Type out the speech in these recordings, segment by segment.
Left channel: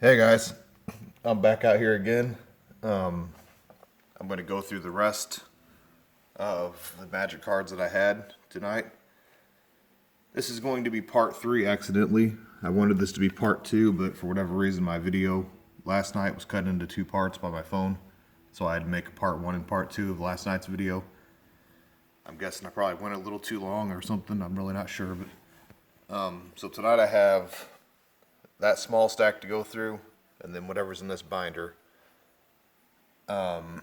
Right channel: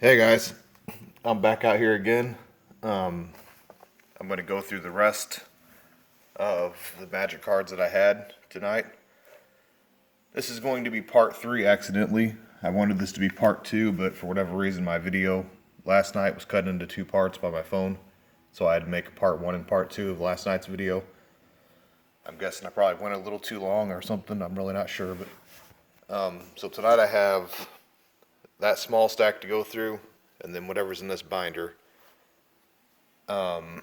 Hey guys, I'm back out here again. Um, I'm going to go through the rest of the magic cards that I had tonight. This is going to be part 3 accidentally. I wanted this to be part 2, but for whatever reason my video last night was cut into 2 parts by my phone. So I had to make a part 1 and part 2 of last night's video. I'm guessing I probably went a little too long or something. I'm really not sure. So tonight I have that small stack to go through, and then whatever's in this binder. I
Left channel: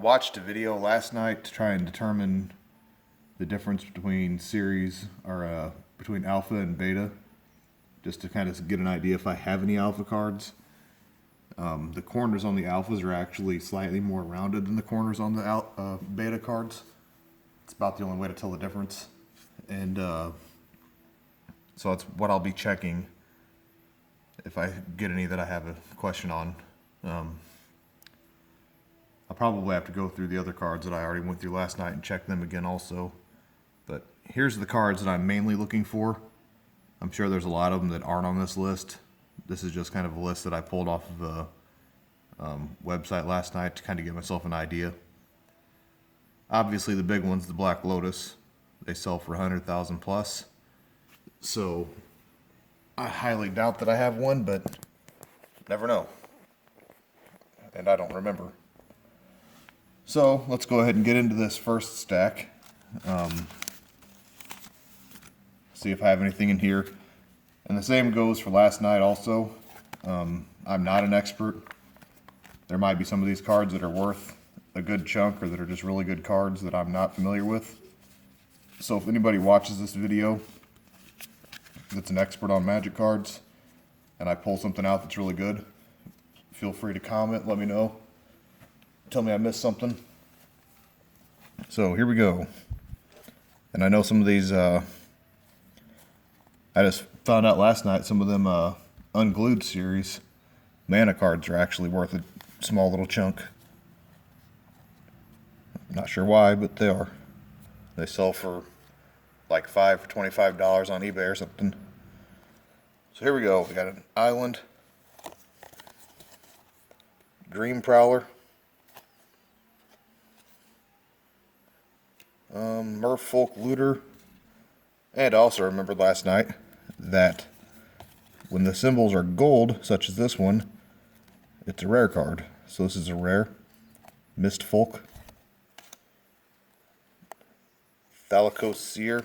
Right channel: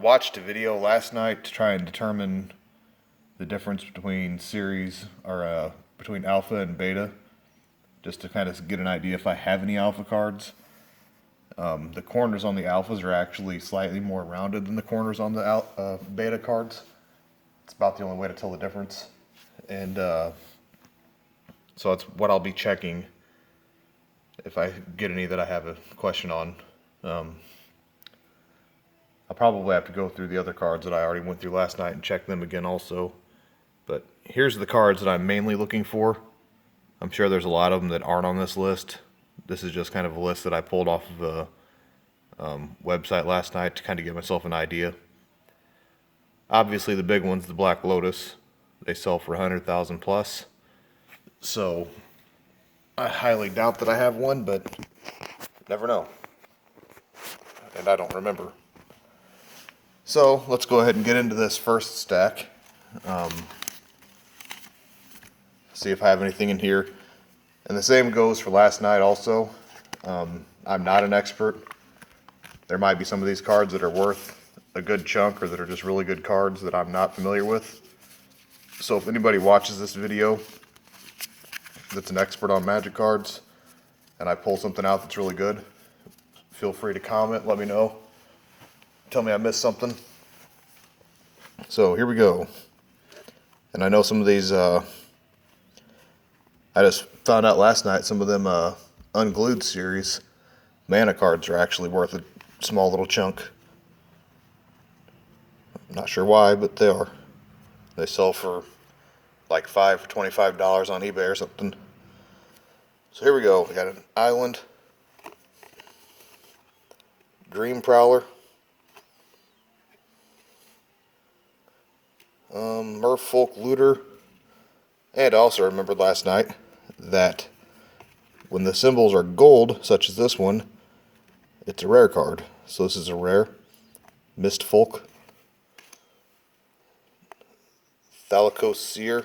watched a video last night to try and determine the difference between between alpha and beta, just to kind of get an idea if I have any alpha cards. The corners on the alphas are actually slightly more rounded than the corners on the beta cards. It's about the only way to tell the difference. And so that's what I'll be checking if I get any that I have a question on. I'll probably have to go through the other cards that I already went through last night and check them again also. But here's the cards that I'm mainly looking for. I'm sure there's a lot of them that aren't on this list. This is just kind of a list that I pulled off of a website last night to kind of give myself an idea. Obviously the big one's the Black Lotus. They sell for 100,000 plus. So I highly doubt that I have one, but never know. And I don't remember. So let's go ahead and get into this first stack. See if I have anything in here. And the same goes for last night also. I'm not an expert. There might be some of these cards that are worth a good chunk or that are just really good cards that I'm not familiar with. So if anybody watches this video that's an expert on magic cards and I pull something out that's really good, feel free to comment, let me know. Tell me I missed something. So here we go. And I know some of these, I just found out last night, some of them unglued series mana cards are actually worth a small little chunk. I'm not sure why, but they are. They sell for like $5 or $25 on eBay or something. So here we go. We got an Island, Dream Prowler, Merfolk Looter, and I also remembered last night that when the symbols are gold, such as this one, it's a rare card. So this is a rare. Mistfolk, Thalicos Seer,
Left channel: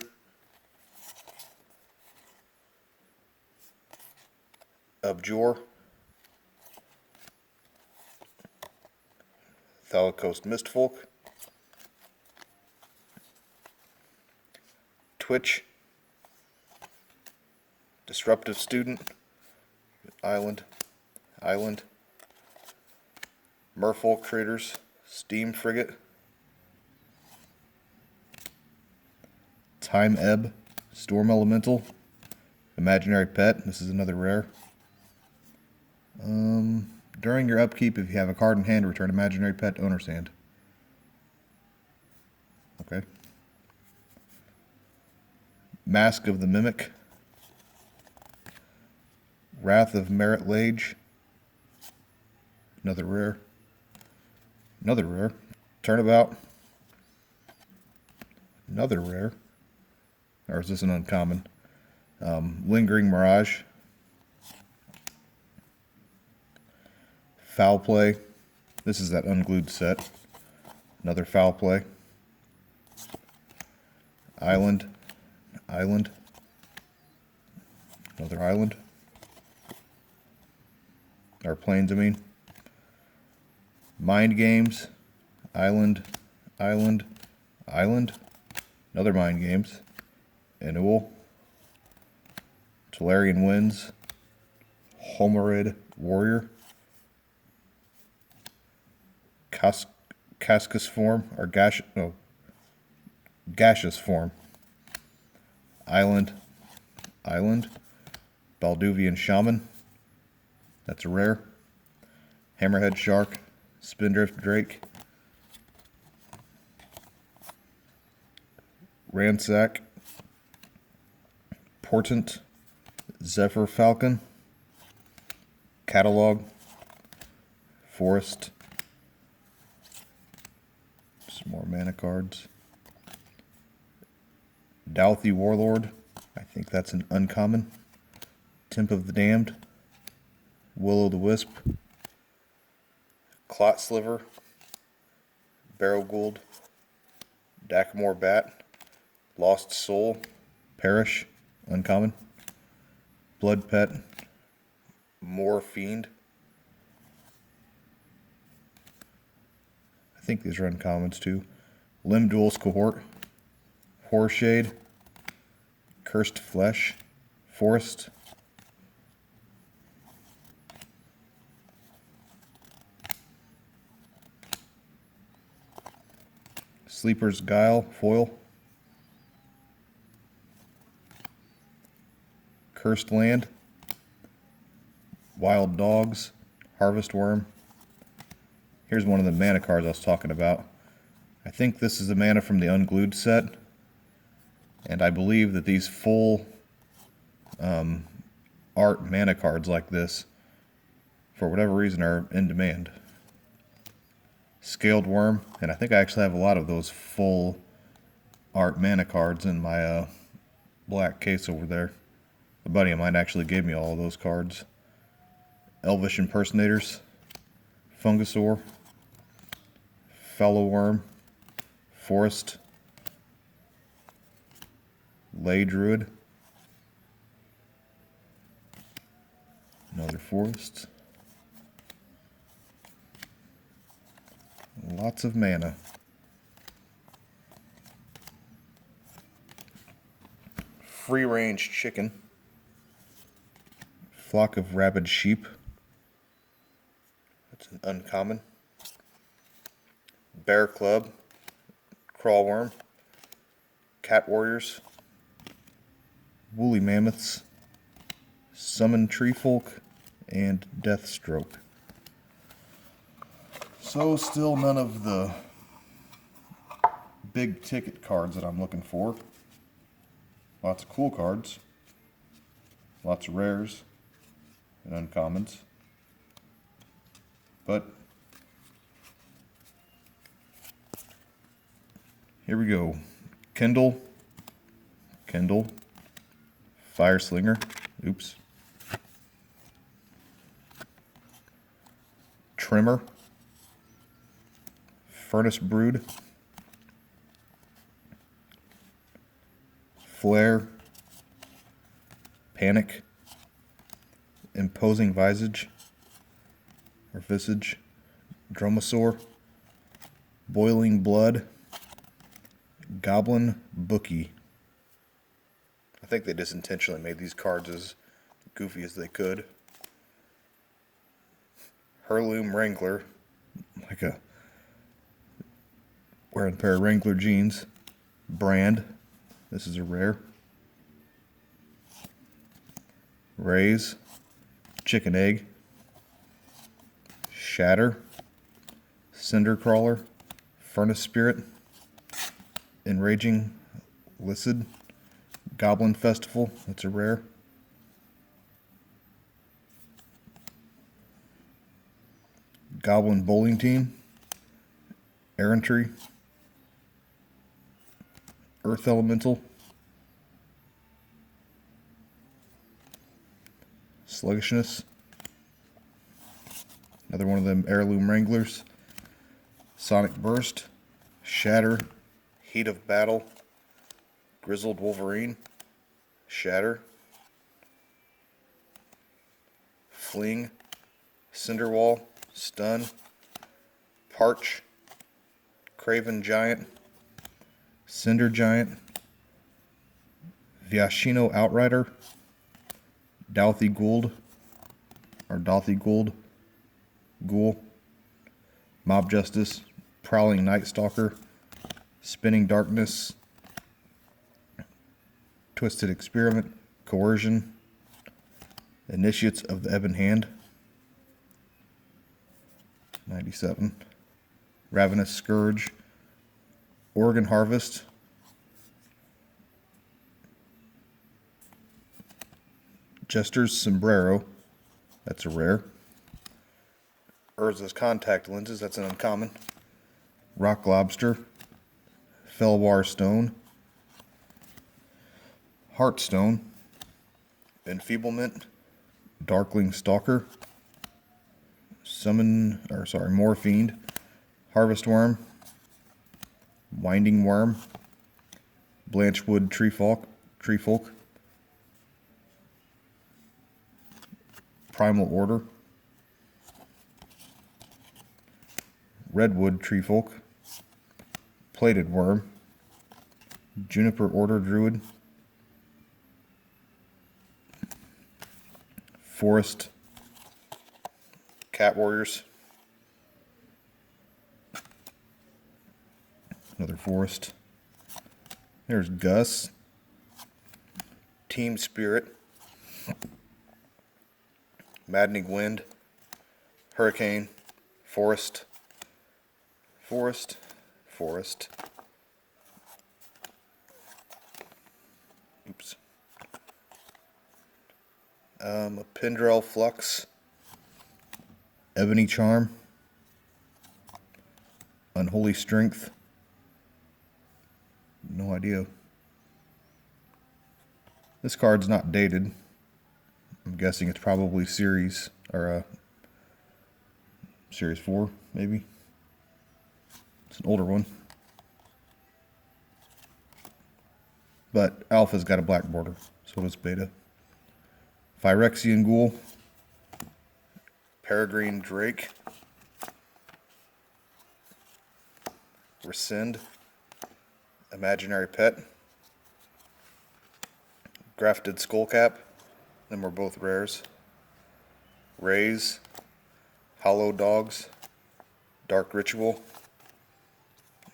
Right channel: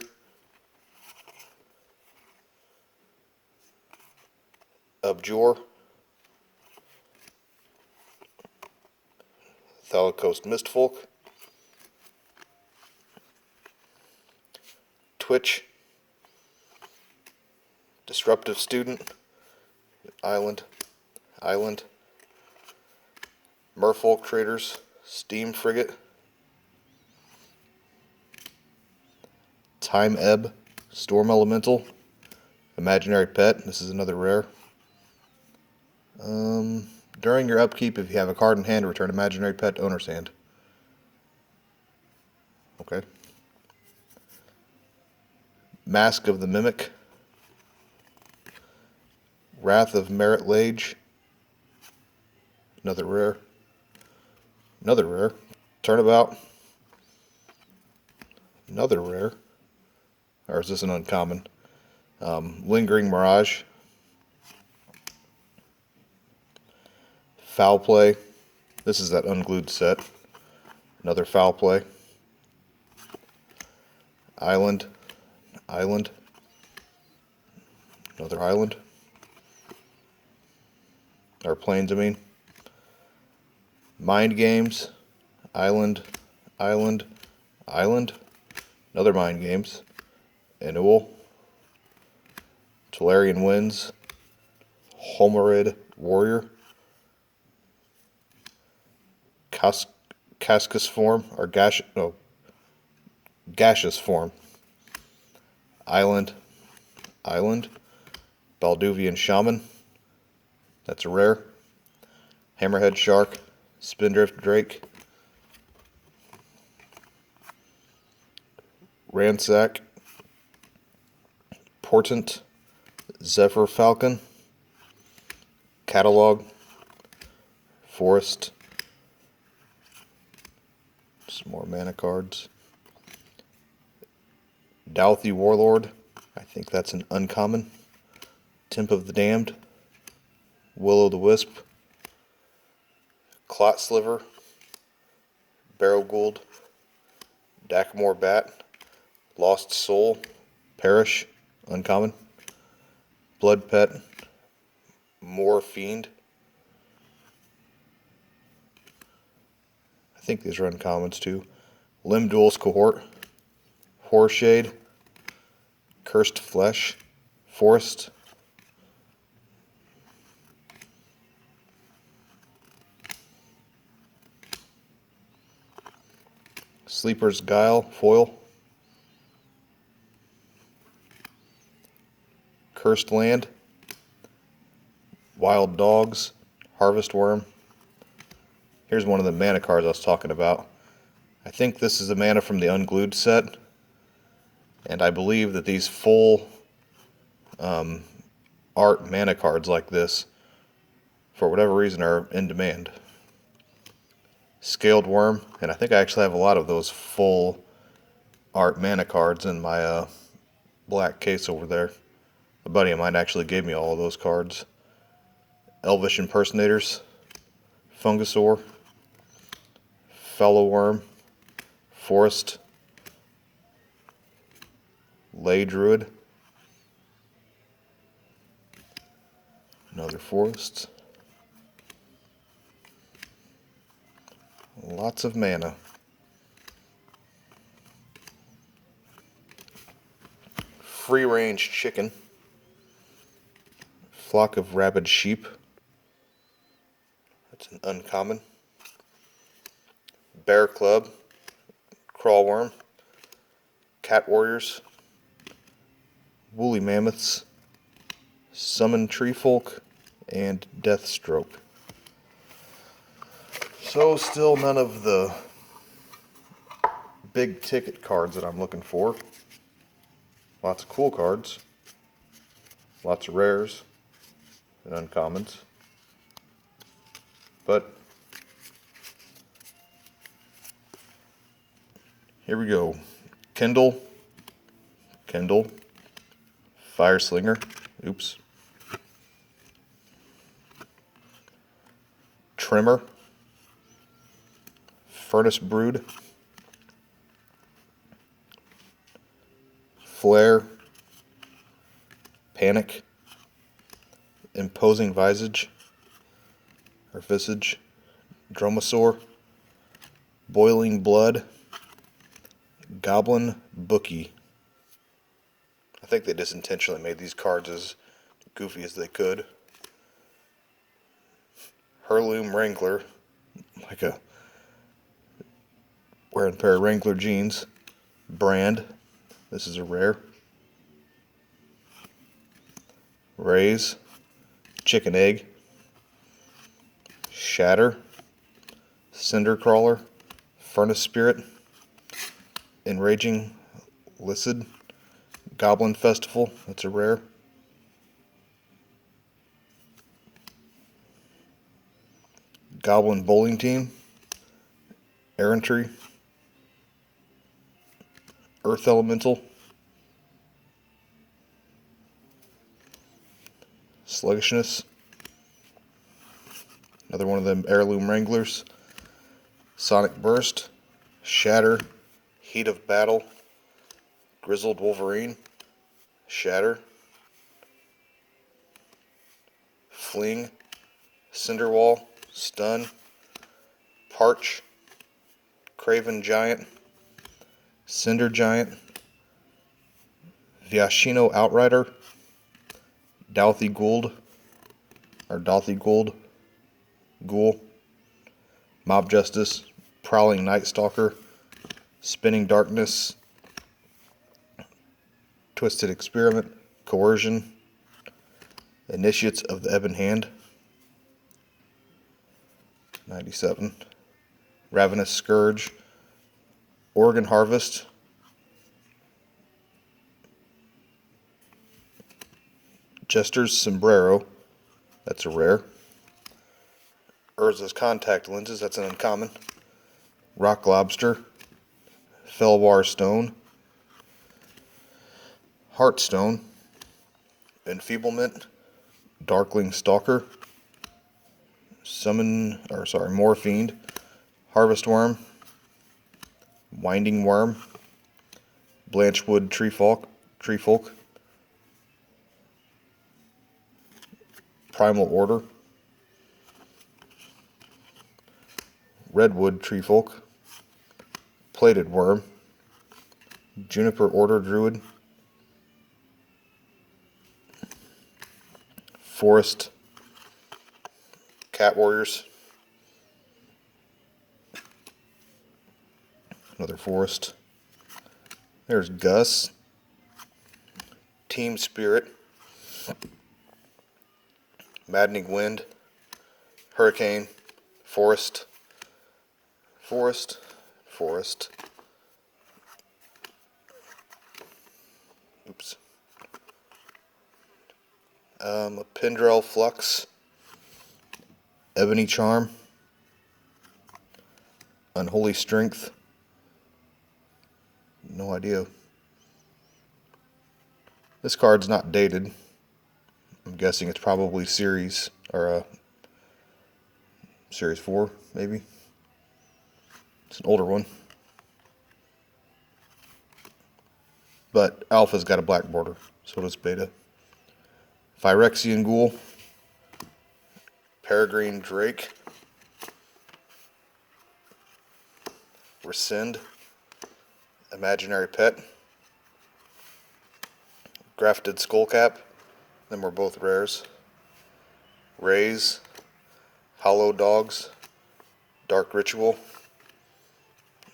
Abjure, Thalicos Mistfolk, Twitch, Disruptive Student, Island, Merfolk Traders, Steam Frigate, Time Ebb, Storm Elemental, Imaginary Pet, this is another rare. During your upkeep, if you have a card in hand, return Imaginary Pet to owner's hand. Okay. Mask of the Mimic, Wrath of Merit Lage, another rare. Turnabout, another rare. Or is this an uncommon? Lingering Mirage, Foul Play. This is that unglued set. Another Foul Play. Island, another Island. Or Plains, I mean. Mind Games, Island, another Mind Games. Annual, Tolarian Winds, Homerid Warrior, Cascus Form, or Gaseous Form, Island, Balduvian Shaman, that's a rare, Hammerhead Shark, Spindrift Drake, Ransack, Portent, Zephyr Falcon, Catalog, Forest, some more mana cards. Douthie Warlord, I think that's an uncommon. Temp of the Damned, Will-o'-the-Wisp, Clot Sliver, Barrow Gould, Dakamore Bat, Lost Soul, Perish, uncommon. Blood Pet, Moor Fiend. I think these are uncommons too. Limb Duels Cohort, Horshade, Cursed Flesh, Forest, Sleeper's Guile, foil, Cursed Land, Wild Dogs, Harvest Worm. Here's one of the mana cards I was talking about. I think this is the mana from the Unglued set, and I believe that these full art mana cards like this, for whatever reason, are in demand. Scaled Worm, and I think I actually have a lot of those full art mana cards in my black case over there. A buddy of mine actually gave me all of those cards. Elvish Impersonators, Fungusaur, Fellow Worm, Forest, Ley Druid, another Forest. Lots of mana. Free range chicken. Flock of rabid sheep. That's an uncommon. Bear Club. Crawlworm. Cat Warriors. Woolly Mammoths. Summon Treefolk. And Deathstroke. So still none of the big ticket cards that I'm looking for. Lots of cool cards. Lots of rares and uncommons. But here we go. Kindle, Fire Slinger, oops. Trimmer, Furnace Brood, Flare, Panic, Imposing Visage, Dromasaur, Boiling Blood, Goblin Bookie. I think they just intentionally made these cards as goofy as they could. Heirloom Wrangler, like a wearing a pair of Wrangler jeans. Brand, this is a rare. Raise, Chicken Egg, Shatter, Cinder Crawler, Furnace Spirit, Enraging Lycid, Goblin Festival, that's a rare. Goblin Bowling Team, Errantry, Earth Elemental, Sluggishness, another one of them Heirloom Wranglers, Sonic Burst, Shatter, Heat of Battle, Grizzled Wolverine, Shatter, Fling, Cinderwall, Stun, Parch, Craven Giant, Cinder Giant, Viashino Outrider, Douthie Gould, Ghoul, Mob Justice, Prowling Night Stalker, Spinning Darkness, Twisted Experiment, Coercion, Initiates of the Ebon Hand, 97, Ravenous Scourge, Oregon Harvest, Jester's Sombrero, that's a rare, Urza's contact lenses, that's an uncommon. Rock lobster, Felwar stone, Heartstone, Enfeeblement, Darkling Stalker, Morfiend, Harvest Worm, Winding Worm, Blanchwood Treefolk, Primal Order, Redwood Treefolk, Plated Worm, Juniper Order Druid, Forest Cat Warriors, another forest. There's Gus, Team Spirit, Maddening Wind, Hurricane, Forest, oops, a Pendrell Flux, Ebony Charm, Unholy Strength, no idea. This card's not dated. I'm guessing it's probably series, or series 4, maybe. It's an older one. But Alpha's got a black border, so does Beta. Phyrexian Ghoul, Peregrine Drake, Rescind, Imaginary Pet, Grafted Skullcap, them were both rares. Raise, Hollow Dogs, Dark Ritual,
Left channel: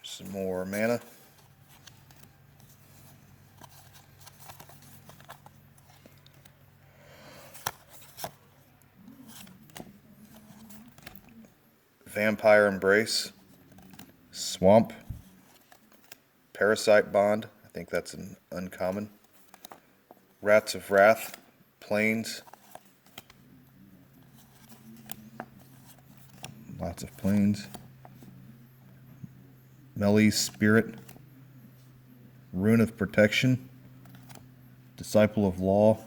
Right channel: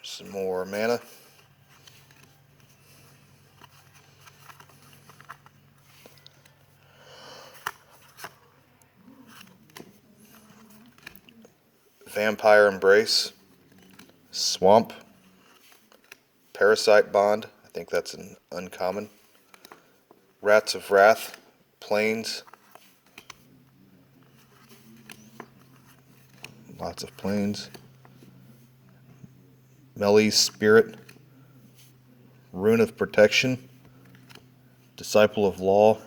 some more mana. Vampire Embrace, Swamp, Parasite Bond, I think that's an uncommon. Rats of Wrath, Plains, lots of plains. Melee's Spirit, Rune of Protection, Disciple of Law,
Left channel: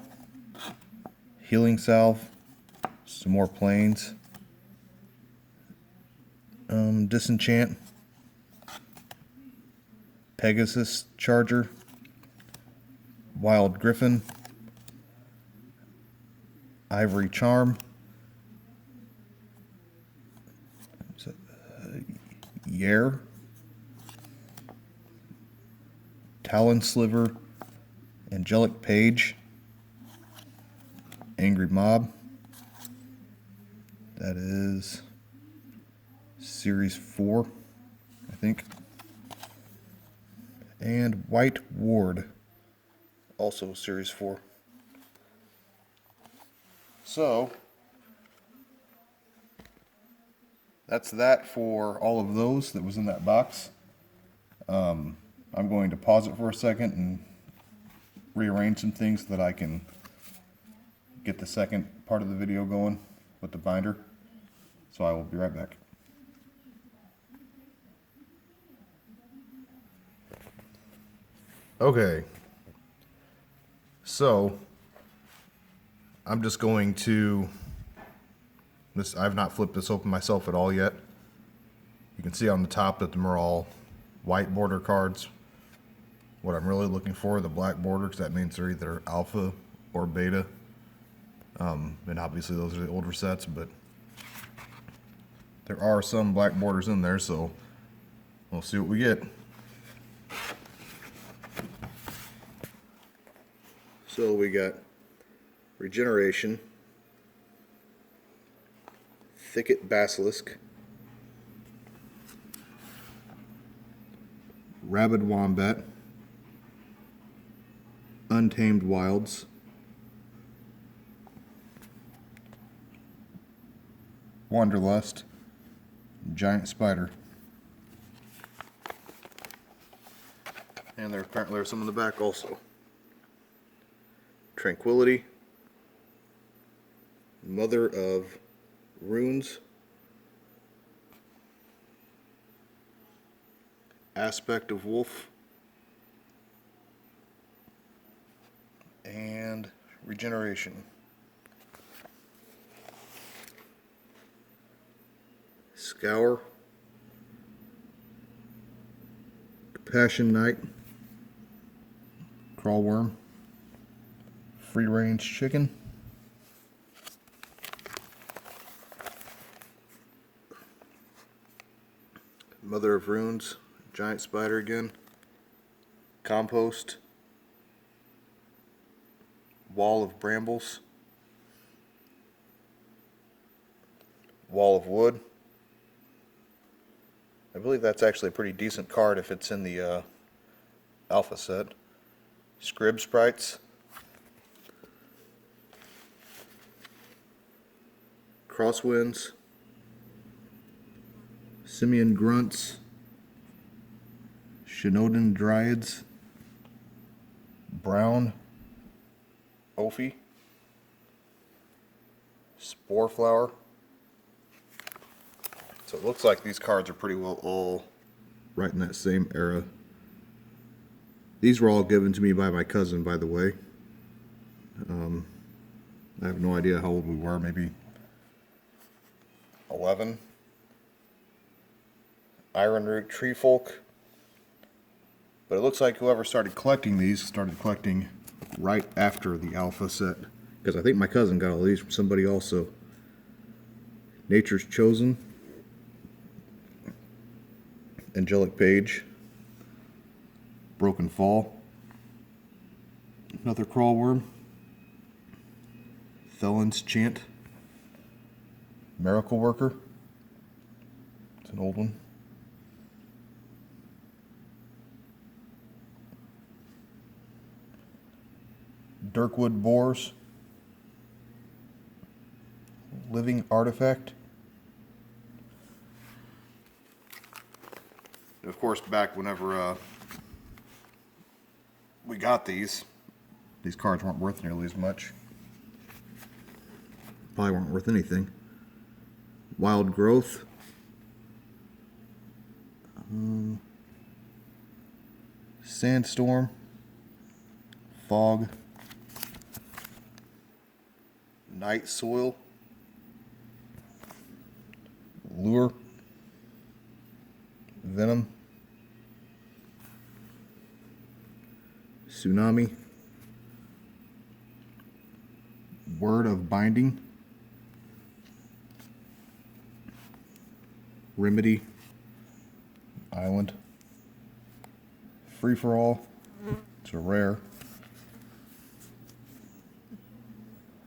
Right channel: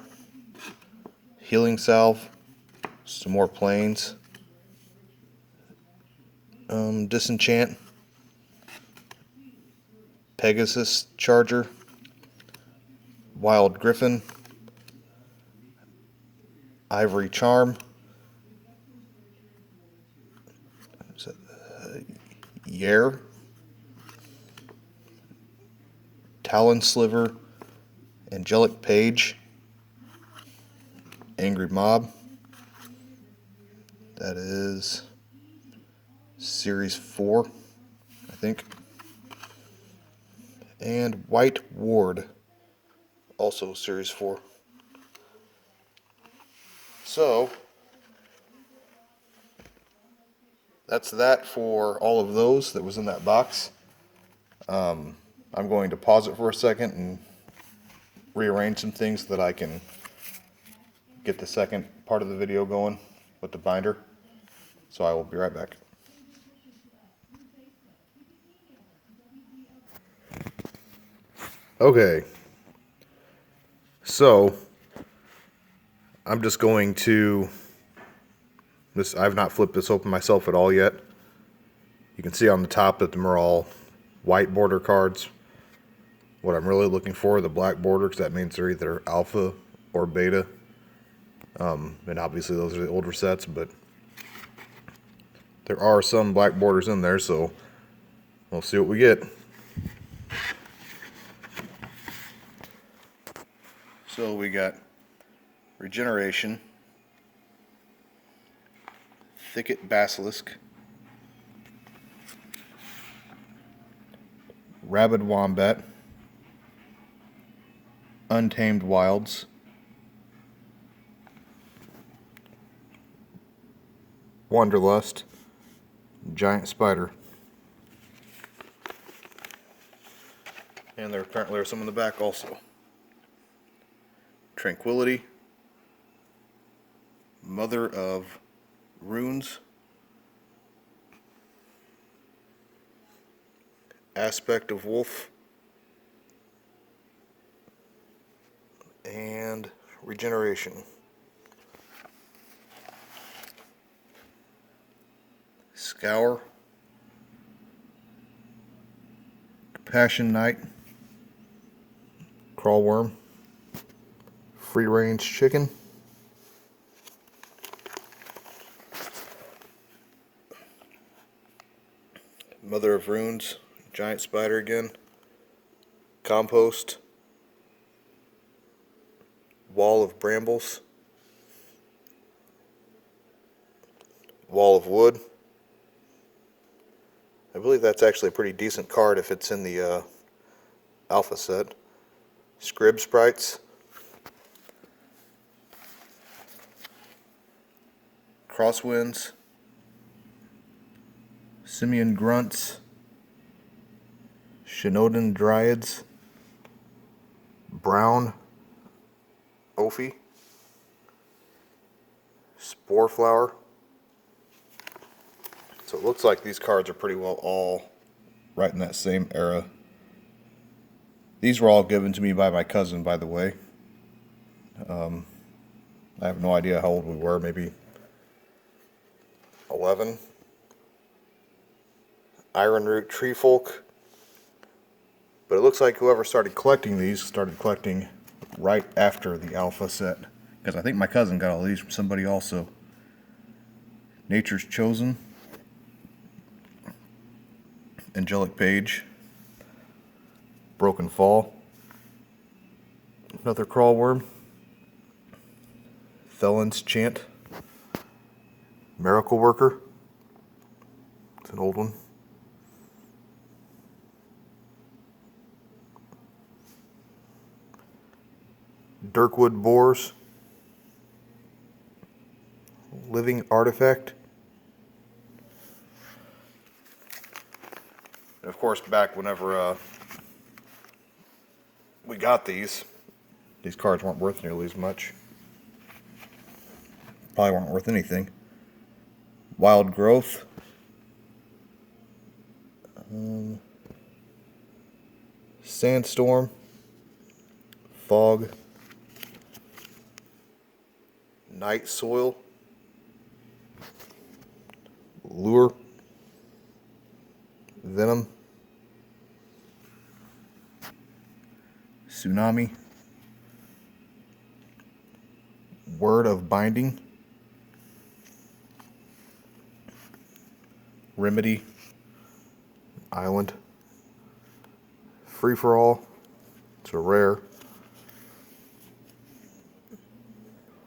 Healing Salve, some more plains. Disenchant, Pegasus Charger, Wild Griffin, Ivory Charm, Yare, Talon Sliver, Angelic Page, Angry Mob, that is Series 4, I think, and White Ward, also Series 4. So, that's that for all of those that was in that box. I'm going to pause it for a second and rearrange some things so that I can get the second part of the video going with the binder. So I will be right back. Okay, so I'm just going to, I've not flipped this open myself at all yet. You can see on the top that them are all white border cards. What I'm really looking for, the black border, because that means they're either alpha or beta. And obviously those are the older sets, but there are some black borders in there, so we'll see what we get. So we got Regeneration, Thicket Basilisk, Rabid Wombat, Untamed Wilds, Wanderlust, Giant Spider. And there apparently are some in the back also. Tranquility, Mother of Runes, Aspect of Wolf, and Regeneration. Scour, Passion Knight, Crawlworm, Free Range Chicken, Mother of Runes, Giant Spider again, Compost, Wall of Brambles, Wall of Wood. I believe that's actually a pretty decent card if it's in the Alpha set. Scrib Sprites, Crosswinds, Simian Grunts, Shinoden Dryads, Brown Ophi, Spore Flower. So it looks like these cards are pretty well all right in that same era. These were all given to me by my cousin, by the way. I have no idea how old we were, maybe 11. Ironroot Treefolk. But it looks like whoever started collecting these started collecting right after the Alpha set. Because I think my cousin got all these from somebody also. Nature's Chosen. Angelic Page. Broken Fall. Another Crawlworm. Felon's Chant. Miracle Worker. It's an old one. Dirkwood Boars. Living Artifact. And of course, back whenever we got these cards weren't worth nearly as much. Probably weren't worth anything. Wild Growth. Sandstorm. Fog. Night Soil. Lure. Venom. Tsunami. Word of Binding. Remedy. Island. Free for All. It's a rare.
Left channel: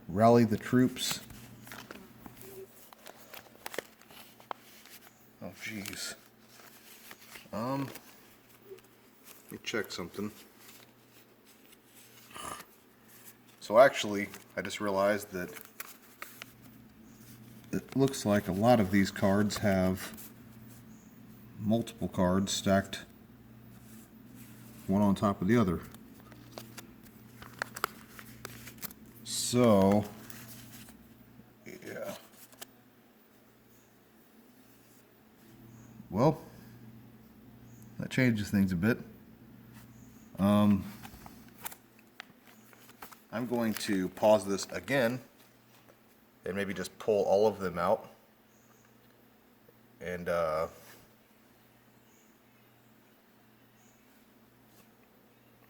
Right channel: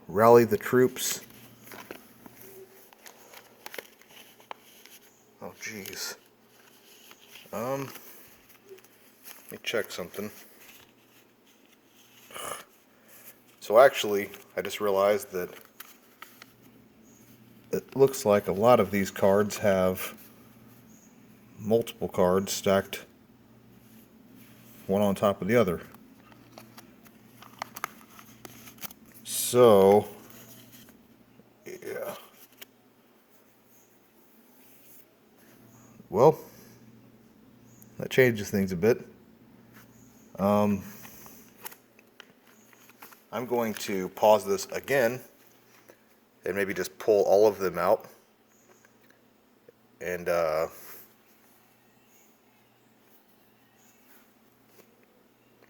Rally the Troops. Oh, jeez. Let me check something. So actually, I just realized that it looks like a lot of these cards have multiple cards stacked one on top of the other. So, yeah. Well, that changes things a bit. I'm going to pause this again and maybe just pull all of them out and I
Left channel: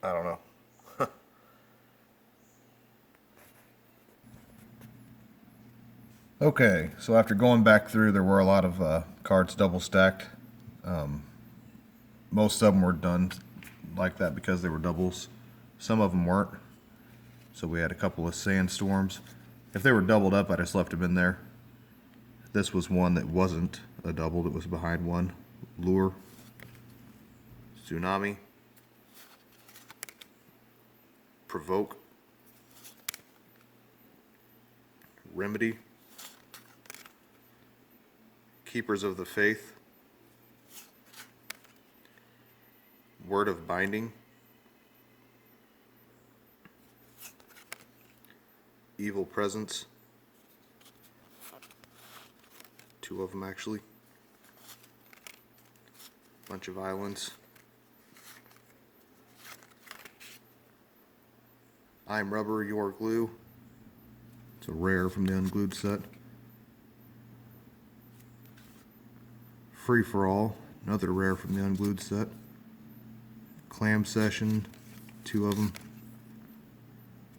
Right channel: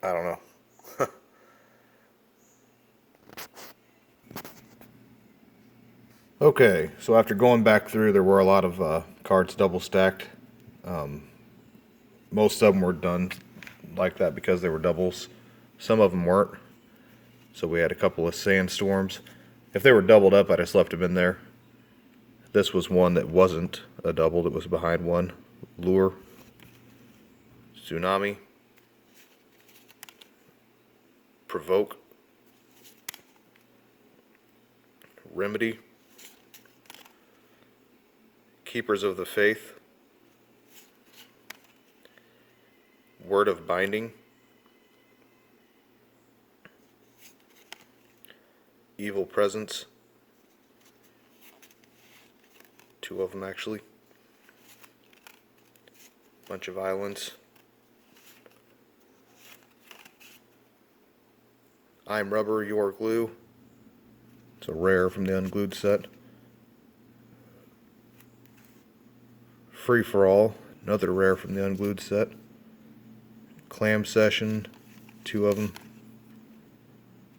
don't know. Okay, so after going back through, there were a lot of cards double stacked. Most of them were done like that because they were doubles. Some of them weren't. So we had a couple of Sandstorms. If they were doubled up, I just left them in there. This was one that wasn't a double, that was behind one. Lure. Tsunami. Provoke. Remedy. Keepers of the Faith. Word of Binding. Evil Presence. Two of them actually. Bunch of islands. I'm Rubber, Your Glue. It's a rare from the unglued set. Free for All, another rare from the unglued set. Clam Session, 2 of them.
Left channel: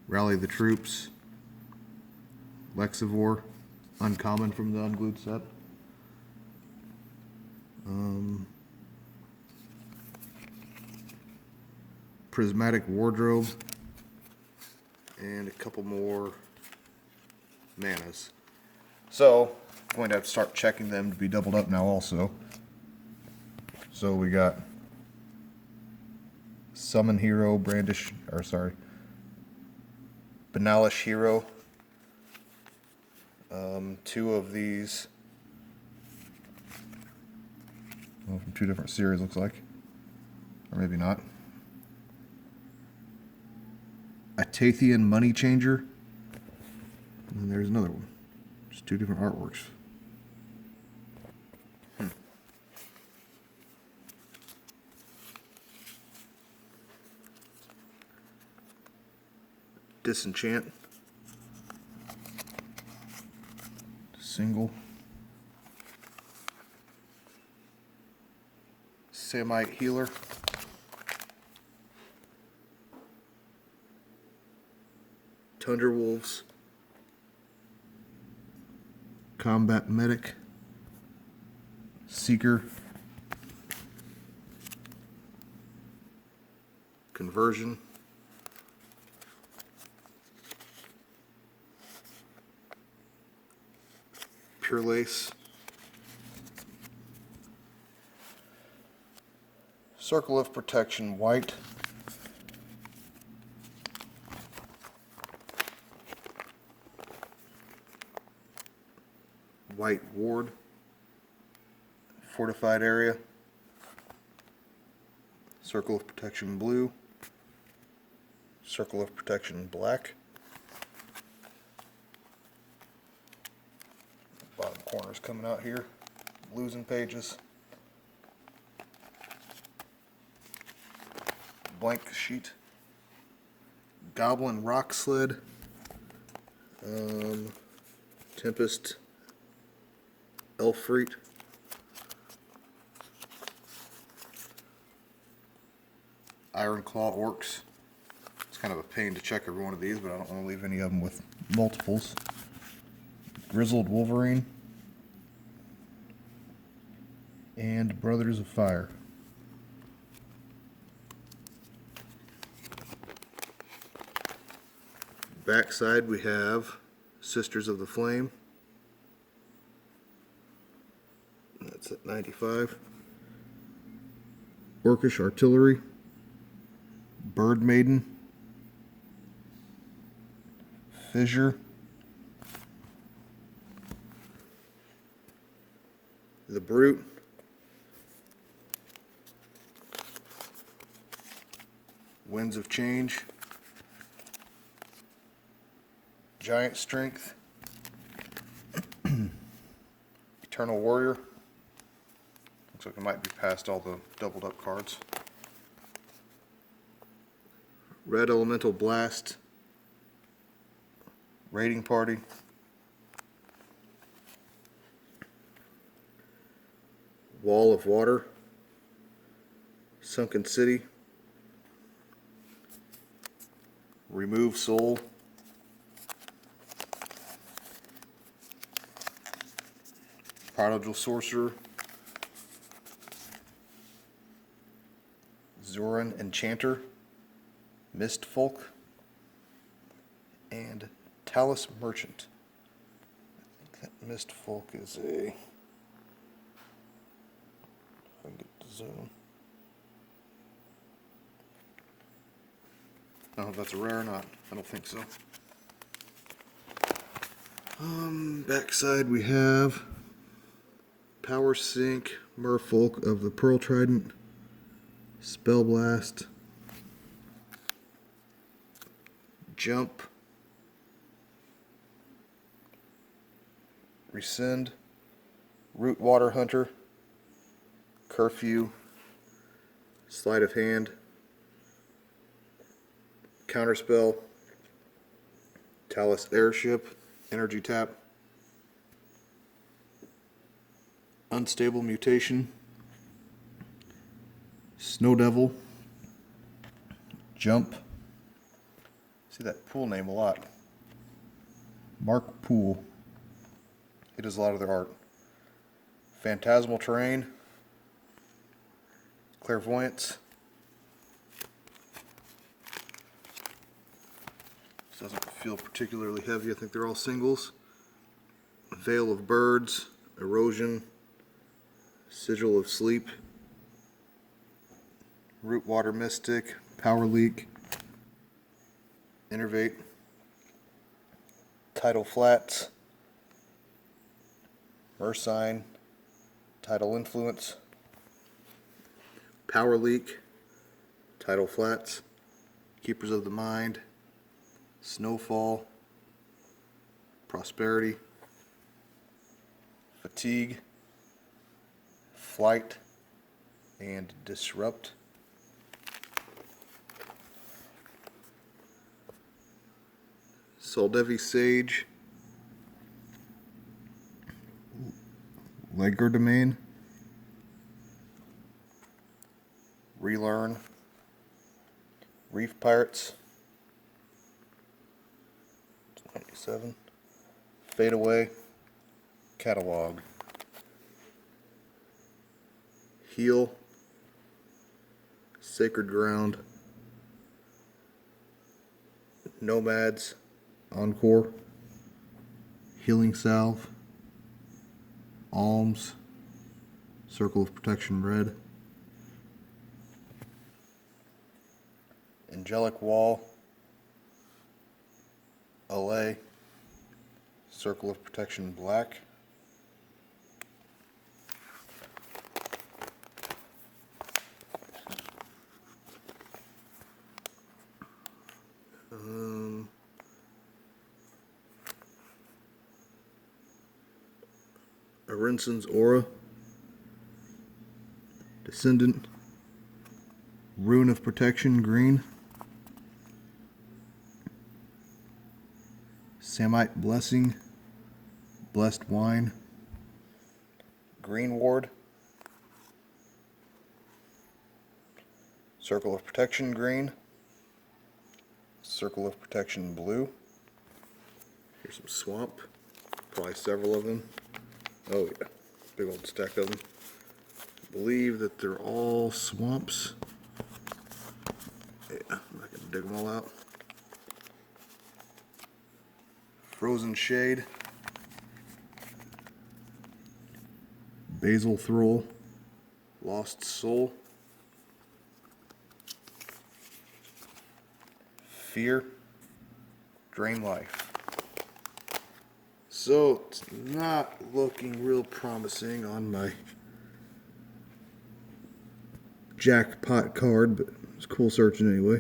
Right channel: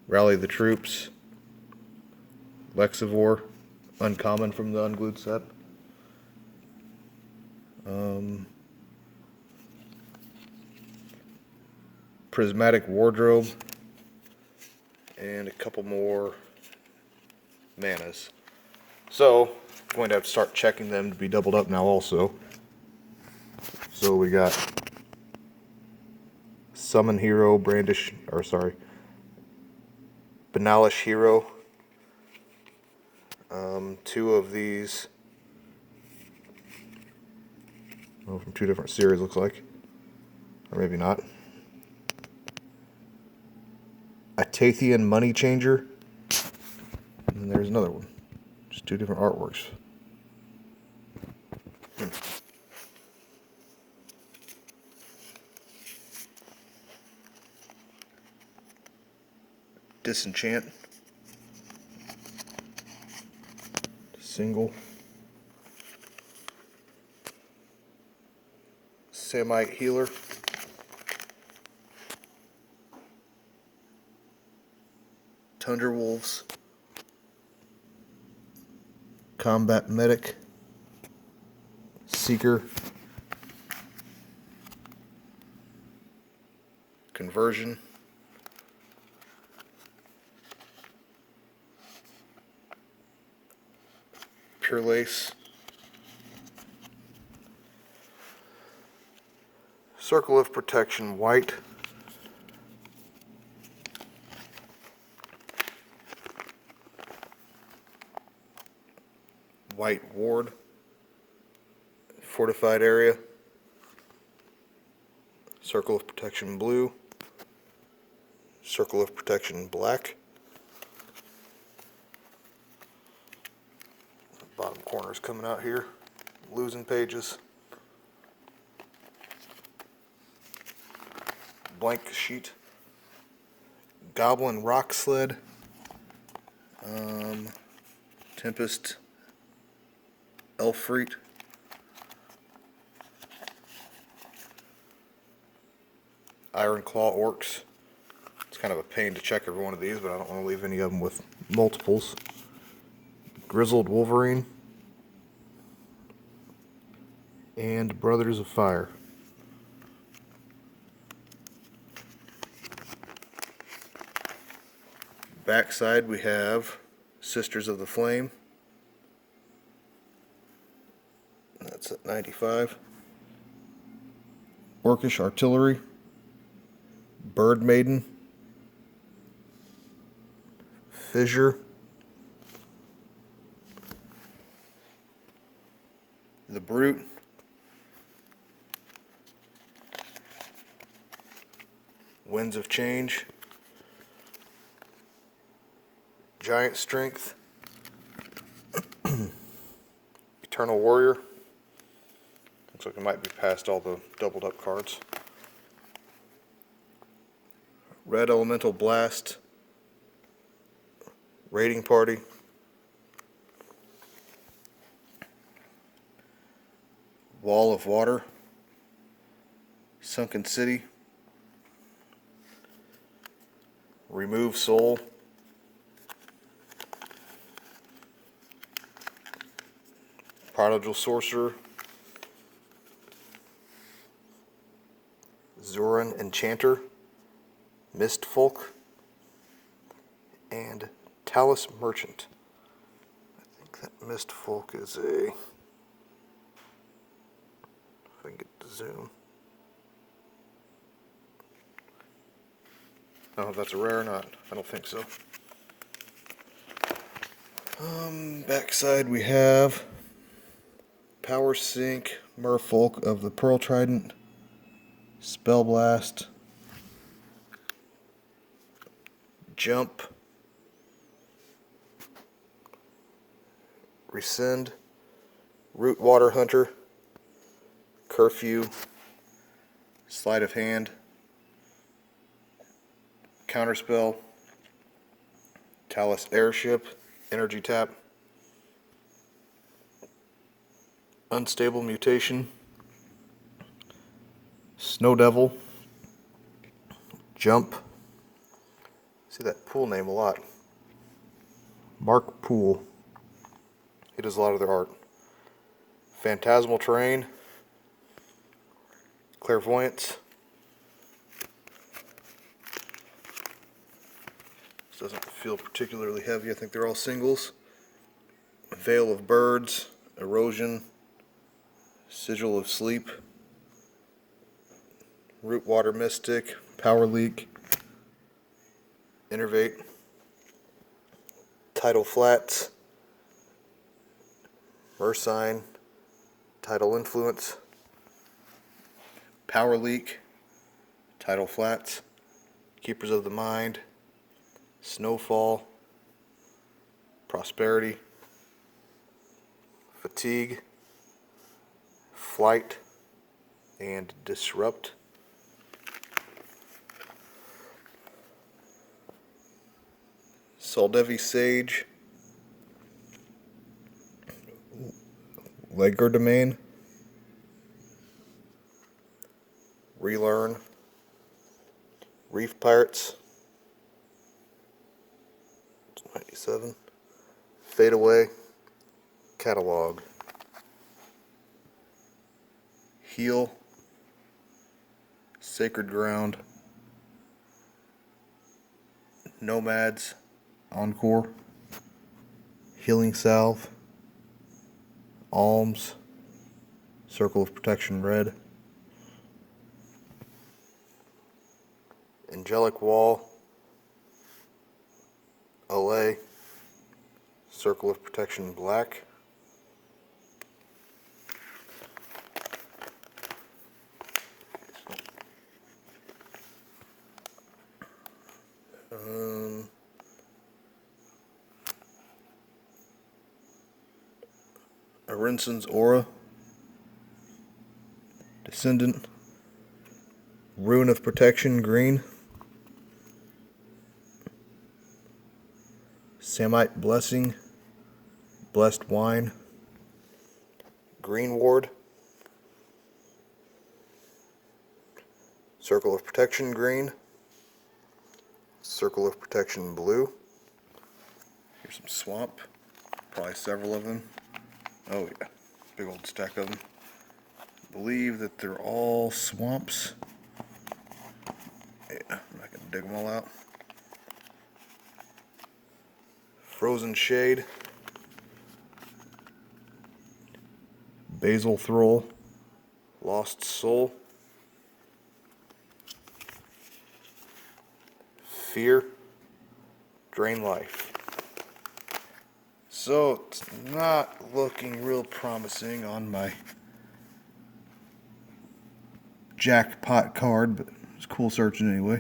Rally the Troops. Lexivore, uncommon from the unglued set. Prismatic Wardrobe, and a couple more manas. So, I'm going to have to start checking them to be doubled up now also. So we got Summon Hero, Brandish, or sorry, Banalish Hero. 2 of these, well, from 2 different series looks like, or maybe not. A Tathian Money Changer, and there's another one. Just 2 different artworks. Disenchant. Single. Samite Healer. Tundra Wolves. Combat Medic. Seeker. Conversion. Pure Lace. Circle of Protection White. White Ward. Fortified Area. Circle of Protection Blue. Circle of Protection Black. Bottom corner's coming out here. Losing pages. Blank sheet. Goblin Rock Sled. Tempest. Elfreet. Iron Claw Orcs. It's kind of a pain to check every one of these, but I don't want to leave any of them with multiples. Grizzled Wolverine. And Brothers of Fire. Backside we have Sisters of the Flame. That's at 95. Orcish Artillery. Bird Maiden. Fissure. The Brute. Winds of Change. Giant Strength. Eternal Warrior. Looks like it might be past all the doubled up cards. Red Elemental Blast. Raiding Party. Wall of Water. Sunken City. Remove Soul. Prodigal Sorcerer. Zoran Enchanter. Mist Folk. And Talus Merchant. I think that Mist Folk is a... If I can get the zoom. I don't know if that's a rare or not. I don't think so. Backside we have Power Sync, Merfolk of the Pearl Trident, Spell Blast, Jump, Rescind, Root Water Hunter, Curfew, Sleight of Hand, Counterspell, Talus Airship, Energy Tap, Unstable Mutation, Snow Devil, Jump. See that Pool name a lot. Mark Pool. He does a lot of their art. Phantasmal Terrain, Clairvoyance. This doesn't feel particularly heavy. I think they're all singles. Veil of Birds, Erosion, Sigil of Sleep, Root Water Mystic, Power Leak, Innervate, Tidal Flats, Mersine, Tidal Influence, Power Leak, Tidal Flats, Keepers of the Mind, Snowfall, Prosperity, Fatigue, Flight, and Disrupt. Soldevi Sage, Legerdemain, Relearn, Reef Pirates, 97, Fade Away, Catalog, Heal, Sacred Ground, Nomads, Encore, Healing Salve, Alms, Circle of Protection Red, Angelic Wall, Allay, Circle of Protection Black, Arinson's Aura, Descendant, Rune of Protection Green, Samite Blessing, Blessed Wine, Green Ward, Circle of Protection Green, Circle of Protection Blue. Here's some Swamp, probably several of them. Oh yeah, big old stack of them. I believe that they're all swamps. Yeah, I'm not gonna dig them all out. Frozen Shade, Basil Thrall, Lost Soul, Fear, Drain Life. So it's not looking real promising on my jackpot card, but it's cool searching anyway.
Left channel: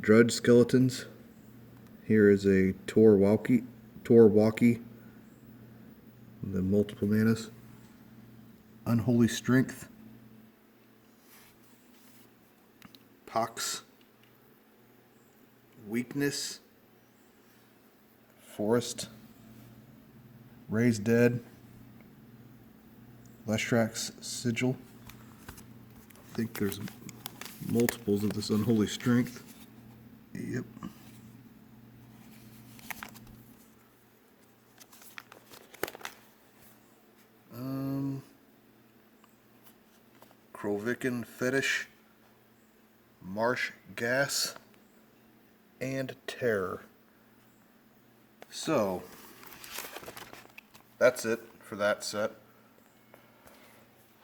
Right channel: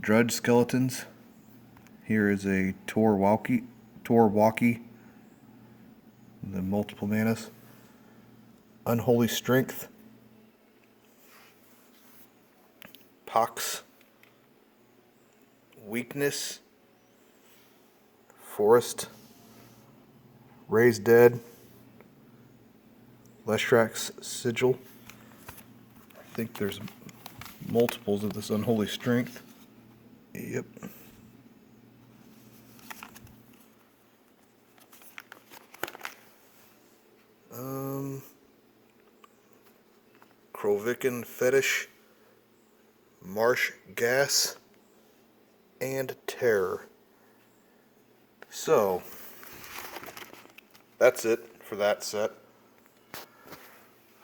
Drudge Skeletons. Here is a Torwalkie, the multiple manas. Unholy Strength, Pox, Weakness, Forest, Raised Dead, Leshrax's Sigil. I think there's multiples of this Unholy Strength. Yep. Krovikan Fetish, Marsh Gas, and Terror. So, that's it for that set.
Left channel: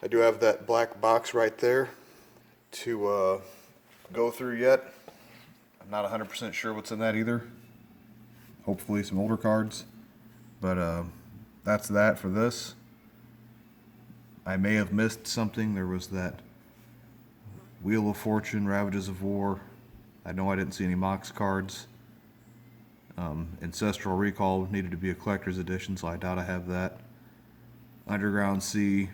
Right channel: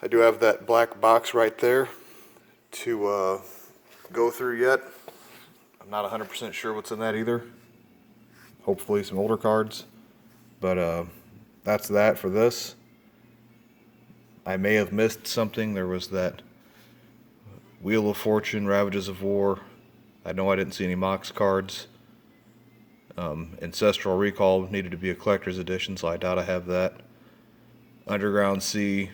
I do have that black box right there to go through yet. I'm not 100% sure what's in that either. Hopefully some older cards. But that's that for this. I may have missed something. There was that Wheel of Fortune, Ravages of War. I know I didn't see any Mox cards. Ancestral Recall needed to be a collector's edition, so I doubt I have that. Underground Sea,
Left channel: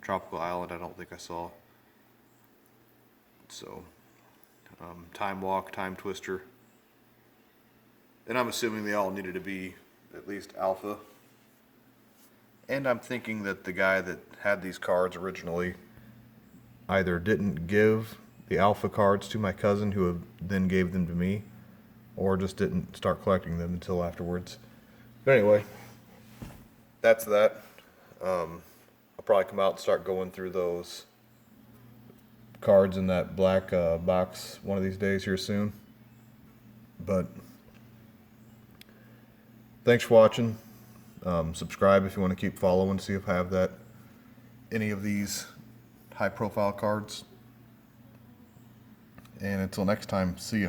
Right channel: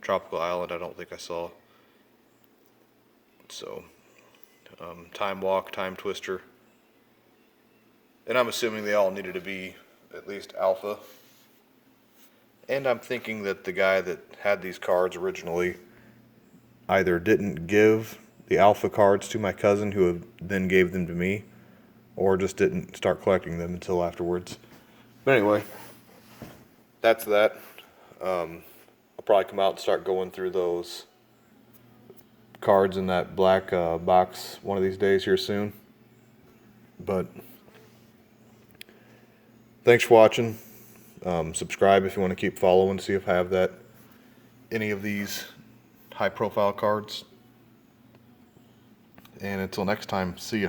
Tropical Island, I don't think I saw. So, Time Walk, Time Twister. And I'm assuming they all needed to be at least Alpha. And I'm thinking that the guy that had these cards originally either didn't give the Alpha cards to my cousin, who then gave them to me, or just didn't start collecting them until afterwards. But anyway, that's that. I'll probably come out and start going through those cards in that black box one of these days here soon. But thanks for watching. Subscribe if you want to keep following, see if I have any of these high profile cards. And until next time, see ya.